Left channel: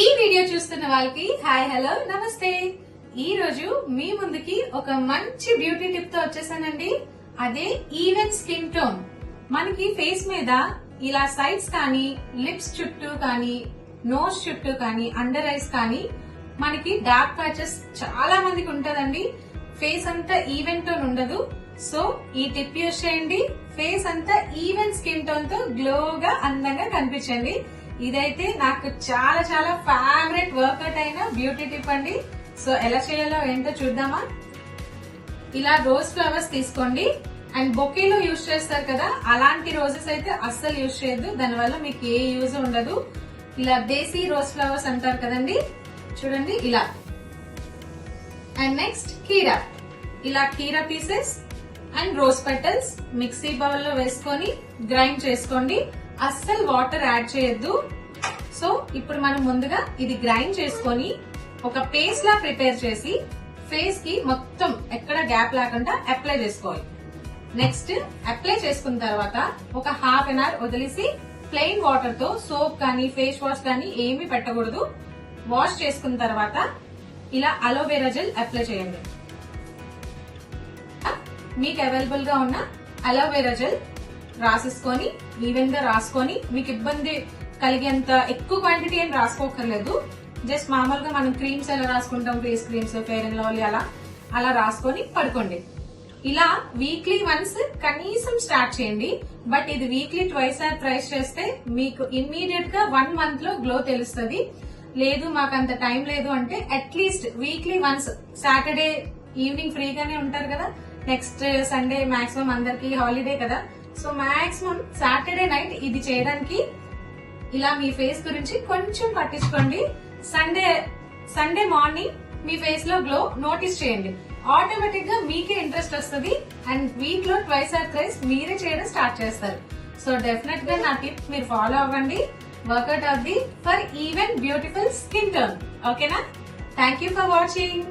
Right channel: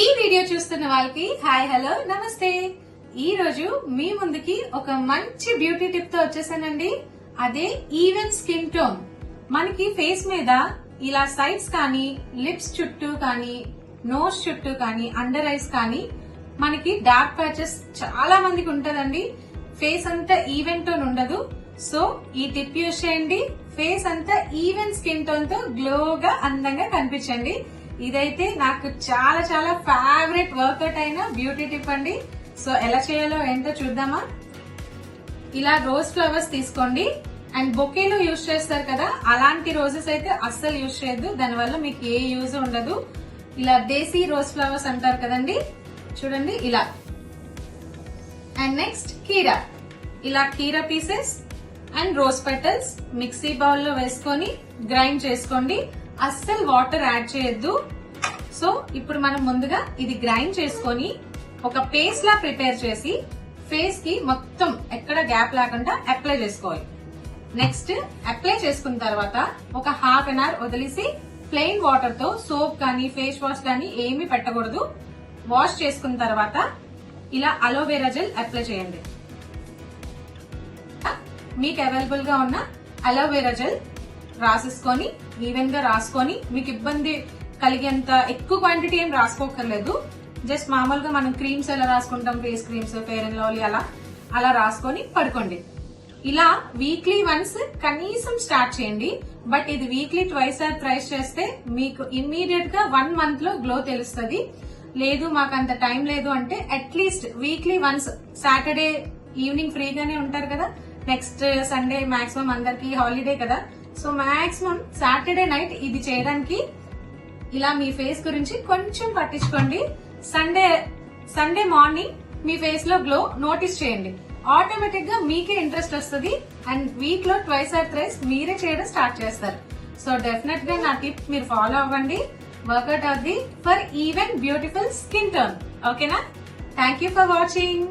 ఈ వీడియో చూస్తున్న వాళ్ళకి హాయ్ హలో నమస్తే. ఈ రోజు మీ ముందుకి ఒక మంచి బ్యూటీ టిప్ తో వచ్చేసానండి. అదే ఈవెన్ స్కిన్ టోన్. మనకి ఫేస్ మీద ఇలా సైడ్స్ కానీ, లిప్స్ చుట్టూ కానీ, నోస్ చుట్టూ కానీ, అండర్ ఐస్ కానీ మనకి డార్క్ ప్యాచెస్ చాలా మందికి ఉంటదండి. ఫేస్ అంతా ఈవెన్ టోన్ ఉండదు. సో ఈ టిప్ యూజ్ చేయండి. ఫేస్ అంతా ఈవెన్ స్కిన్ టోన్ తో గ్లోగా అందంగా కనిపించండి. ఇదైతే నాకు చాలా చాలా ఫేవరెట్ వర్కౌట్ అయిన బ్యూటీ టిప్ అండి. సో ఎలా చేయాలో ఏంటో చూద్దామా. ఇలా రోజ్ ఫ్లవర్స్ తీసుకోండి. అండ్ బొకేలో యూజ్ చేస్తారు కదా, అలాంటి రోజెస్ అయితే అస్సలు యూజ్ చేయొద్దు. దానివల్ల మీకు ఏ యూజ్ ఉండదు. ఇలా దేశీ రోజ్ ఫ్లవర్స్ అంటారు కదండి, చూడండి ఇలా. అండ్ నెక్స్ట్ కీరా. ఇలా కీరా pieces and rose petals mixie bowl లో వేసుకొని గ్రైండ్ చేసుకోండి. అస్సలు వాటర్ యాడ్ చేయొద్దు. సో ఇప్పుడు మనం ముందుగా ఇది గ్రైండ్ చేసుకొని ఒక పేస్ట్ లా ప్రిపేర్ చేసి ఫేస్ కి మొత్తం ఎక్కడ గ్యాప్ లేకుండా అప్లై చేసుకోవాలి. నెక్స్ట్ అప్లై చేసుకున్న తర్వాత ఒక హాఫ్ అన్ అవర్ వదిలేసి ప్లెయిన్ వాటర్ తో సోప్ కానీ ఫేస్ వాష్ కానీ ఏమీ పెట్టకూడదు. వాష్ చేసుకున్న తర్వాత ఇలా అలోవెరా జెల్ అప్లై చేయండి. మీకు అవైలబుల్ గా ఉన్న అలోవెరా జెల్ రాసేసుకొని ఈవెన్ గా రాసుకొని, మీకు ఇబ్బంది కలిగేంత ఎక్కువ క్వాంటిటీ ఏం రాసుకోకర్లేదు. జస్ట్ మామూలుగా మనం క్రీమ్స్ ఎలా రాసుకుంటాం, face creams, fair and lovely అలా రాసుకొని పడుకోండి. ఇలా వీక్లీ వన్స్ కనీసం స్టార్ట్ చేయండి. బట్ ఇది వీక్లీ ట్వైస్ ఆర్ థ్రైస్ చేస్తే మీకు ఇమ్మీడియట్ గా 1 మంత్ లో గ్లో తెలుస్తుంది. లేదు మాకు అంత టైం లేదు అంటే at least weekly once, Saturday evening ఫ్రీగానే ఉంటారు కదా, నెక్స్ట్ సండే మాక్సిమం అందరికి హాలిడే కదా, సో మాక్సిమం సాటర్డే నైట్ ఇది చేయడానికి ఇలా మీ ఫేస్ గురించి కొంచెం పట్టించుకోండి. సండే మార్నింగ్ మీ ఫేస్ లో గ్లో నోటీస్ చేయండి. ఆటోమేటిక్ గా మీకే ఇంట్రెస్ట్ వస్తుంది. అండ్ వీక్ లో ట్వైస్ ఆర్ థ్రైస్ మీరే చేయడం స్టార్ట్ చేస్తారు. సో డెఫినెట్ గా నా టిప్ మీరు ఫాలో అవ్వండి. వర్కౌట్ అవుద్ది for even beautiful skin tone. ఓకేనా? Thank you for watching.